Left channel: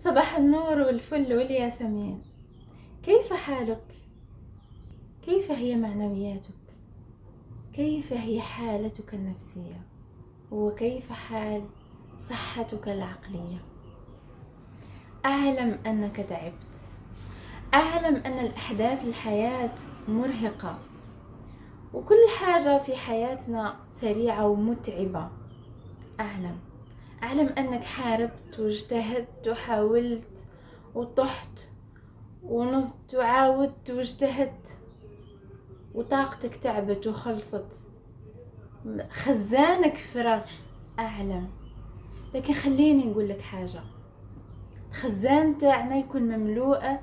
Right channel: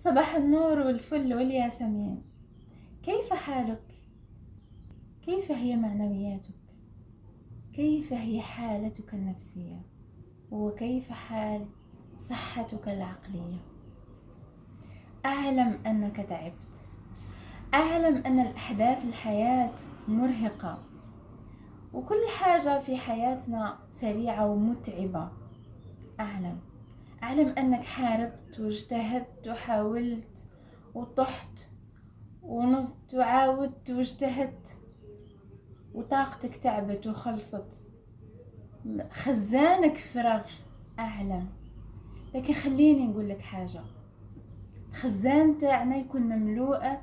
صباح النور والفل والياسمين. كيف حالك؟ كيف هي معنوياتك؟ كيف هي حالتك النفسية؟ وكيف حال صحتك العقلية؟ أعلم أنك تعبت، أعلم أن الأحداث الحياة مرهقة، وكل حاجة في حياتنا سريعة ومتعبة. أعلم أنك حاربت واجتهدت وحاولت وطحت ونضت وعاودت واجتهدت وطاقتك تعبت وخلصت، خزانك فرغ. أعلم، لكن خليني نقول لك حاجة. الخزان تاعنا يكون مملوءة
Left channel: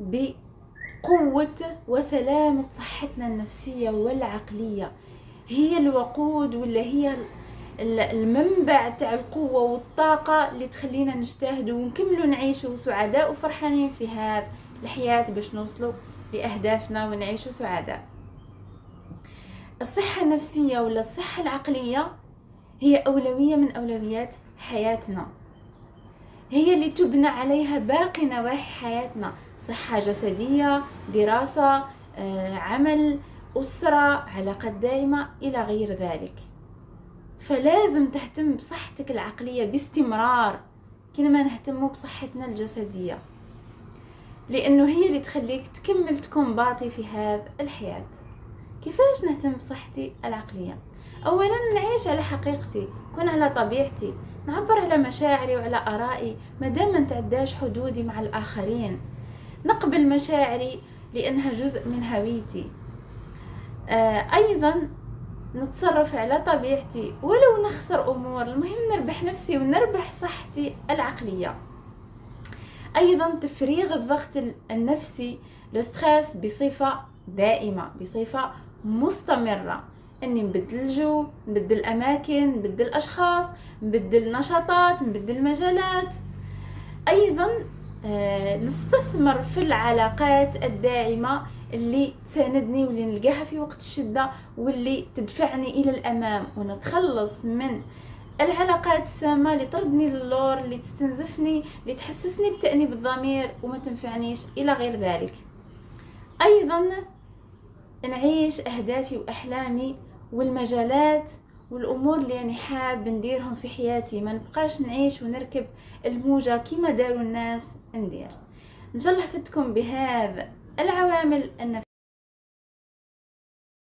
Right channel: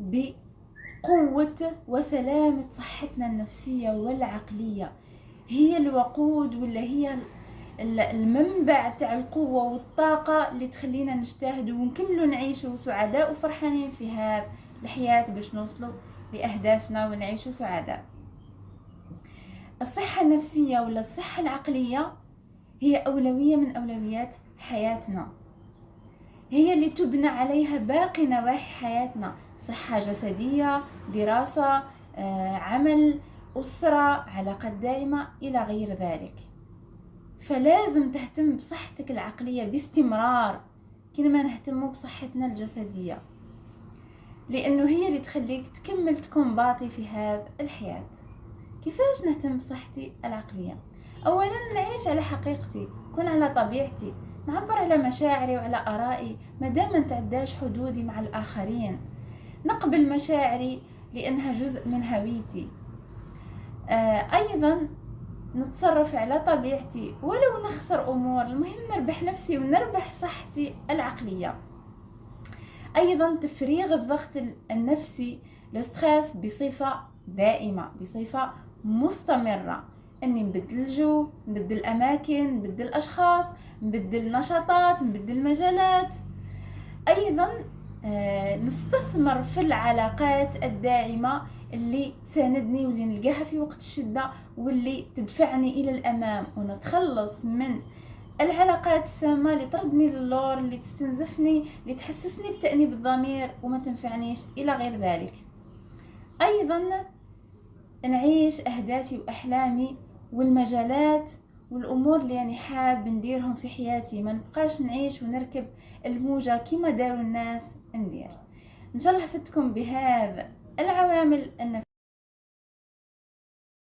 بقوة وسلامة صحتنا النفسية والعقلية، هي الوقود ولا هي المنبع تاع القوة والطاقة اللي تخلينا نجتهد ونكملوا نعيشوا سعداء وفرحانين في هذه الحياة باش نوصلوا لأهدافنا ونعيشوا سعداء. الصحة النفسية ولا الصحة العقلية هي أولوية من أولويات حياتنا، هي اللي تبنى عليها باقي نواحي حياتنا: صحة جسدية، دراسة، عمل، أسرة، علاقات دائمة إلى غير ذلك. فلازم تهتم بصحتك العقلية باستمرار كما نهتم بصحتنا الجسدية، لأنه هي اللي تخليك تكمل تكون باطي في هذه الحياة. كيفاش نهتم بصحتي العقلية؟ أولا نعيش على حقيقتي، كون على طبيعتي، نعبر على مشاعري وعلى آرائي مادام ما نتعداش حدودي مع الآخرين، نقبل مشاعري لأنها جزء من هويتي. أيضا نتصرف على طبيعتي ولو نخسر أمور، المهم نربح نفسي ونربح صحتي العقلية. أيضا تفريغ الضغط النفسي الستريس بصفة دائمة، بصفة مستمرة، أني نبدل الجو، نبدل أماكن، نبدل أشخاص، نبدل نشاطات، نبدل مجالات. أيضا نستثمر في العلاقات الداعمة اللي تساندني واللي نلقاها في وقت الشدة واللي تدفعني إلى الأمام، ونتخلص من العلاقات السامة اللي تردني للور، اللي تستنزفني، اللي تحسسني بتأنيب الضمير وما تنفعنيش إلى غير ذلك. أيضا نعيش أهدافي وأحلامي والمجالات والأمور اللي أنا حاب نديرهم في حياتي، ما نبقاش نعيش ونركب الموجة كما داروا الناس ندير. إن شاء الله فدتكم بهذا العوامل النفسية.